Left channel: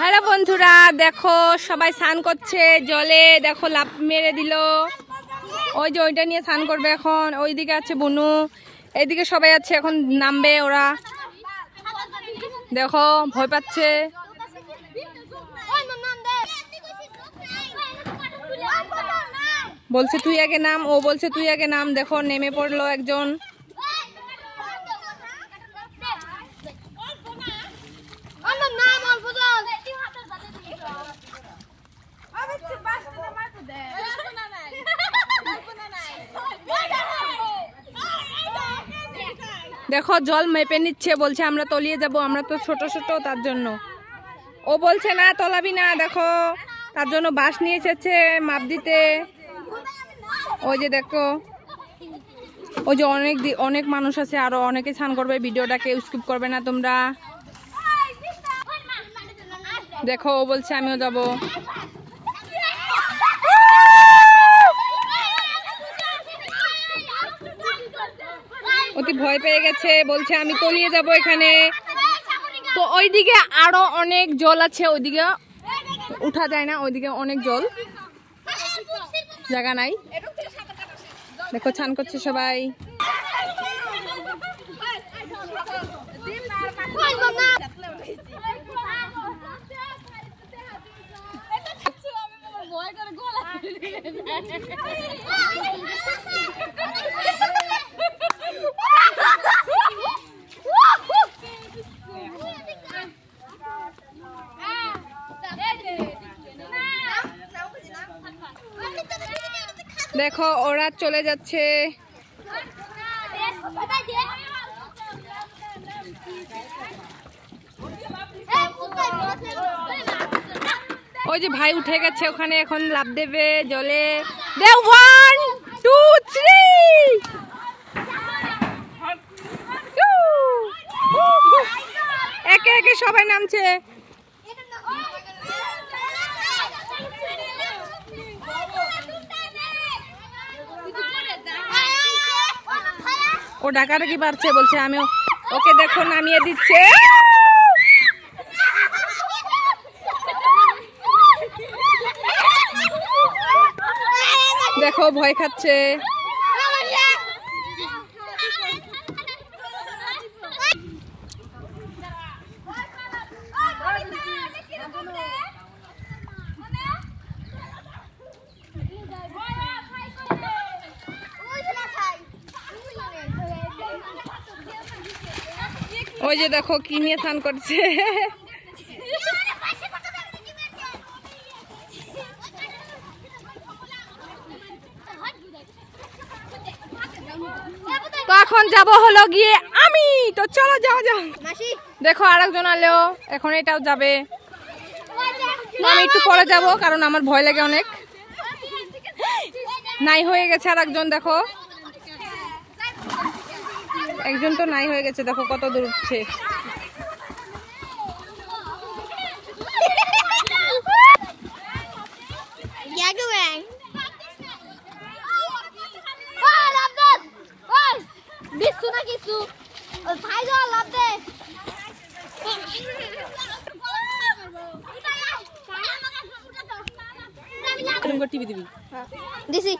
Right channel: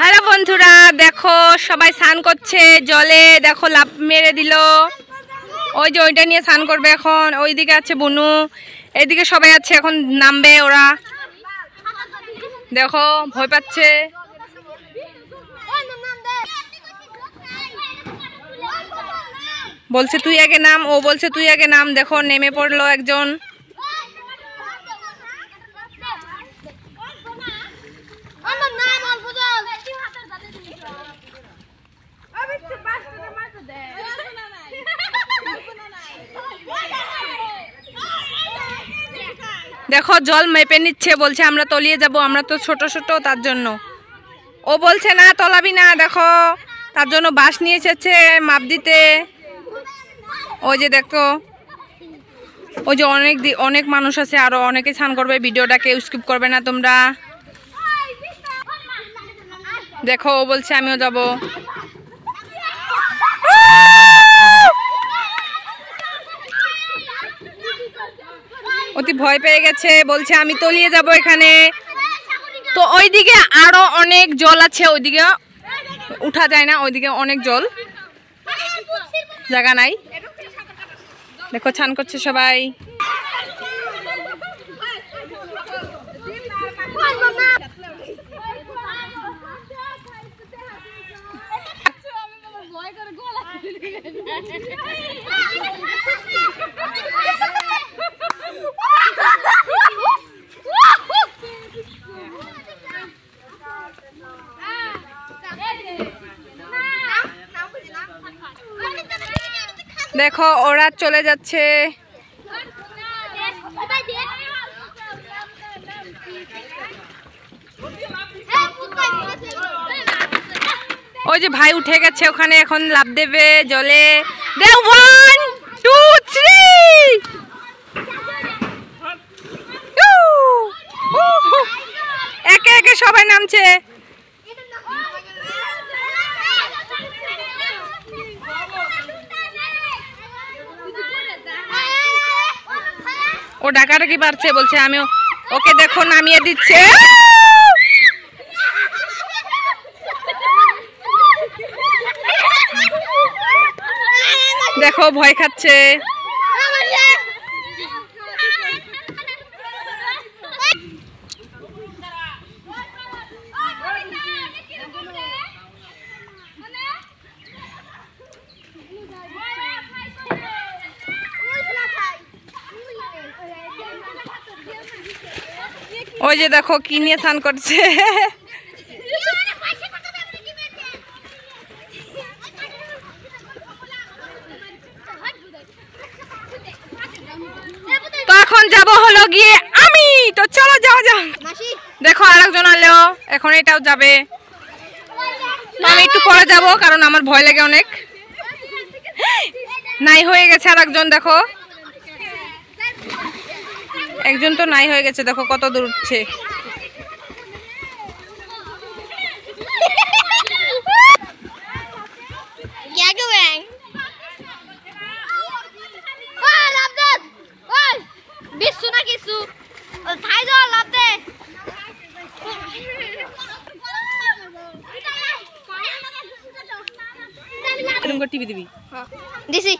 Hello বন্ধুরা, দেখো সবাই স্নান করছে জলে। দেখো লাফ মেরে দিল। ওই যে ওইটা নিয়ে স্নান করবে এখন। ওইদিকে আছে বুনু, এইদিকে সবাই আছে, এখন নামবে ওরা। দেখো ভয় পাচ্ছে। বলছে তুই আগে নাম, ও বলছে তুই আগে নাম। দেখো নেমে পড়লো একজন। দেখো জল মেপে নিচ্ছে, বলছে আমরা তলিয়ে যাব, আমরা তো ছোট ছোট তার জন্য। ও বলছে না তলাবি না, দেখো তার জন্য বাঁশ নিয়ে এসেছে মাপ দিতে। ওই যে দেখো, ওই যে অনেক মানুষ আছে, আরো অনেকে স্নান করবে। ভিডিওটাকে স্কিপ করবে না তোমরা। দেখো ও বলছে আমিও যাব। অতি ভয় পেয়ে গেছে, বলছে আমি তলিয়ে যাব এখানে। তো ওইদিকে আরো অনেক জল আছে, ওইদিকে উঠা যায় না, ওইদিকে অনেক জল, জায়গা নাই। দেখো স্নান করছে সবাই। দেখো ওরা চলে যাচ্ছে। ওই যে ভাই উঠে গেছে ওখানে, এখন লাফ দেবে জলে। দে 1 2 3 একে একে সবাই নামছে। ও ডাকাডাকি পারছে, বলছে আমিও। ওকে দেখো নামিয়ে দিচ্ছে। দেখো ভয় খাচ্ছে। ওই যে দেখো কি নিয়ে স্নান করছে। তো এখন যাব হলো গিয়ে আমি। তো চলো যাও যাও। দেখো আরেকজন আলো, এখন এটাও যাবে। তো আমি একটু পরে যাব, কারণ আমার ভয় লাগে অনেক। নাই হয়ে গেছে আরেকজন, দেখো একজন তো নাই হয়ে গেছে। দেখো কত দূর উঠছে। টিভি দিবি দিছি।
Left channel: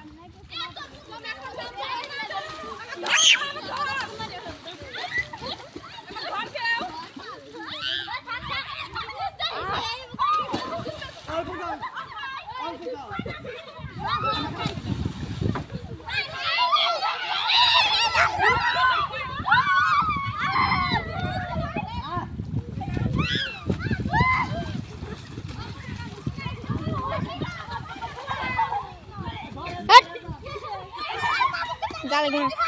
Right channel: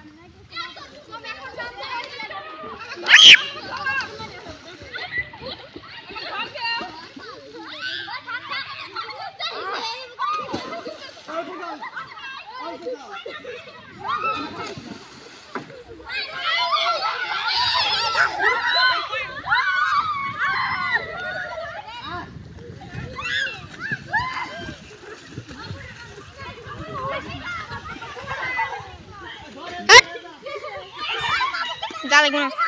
Dale,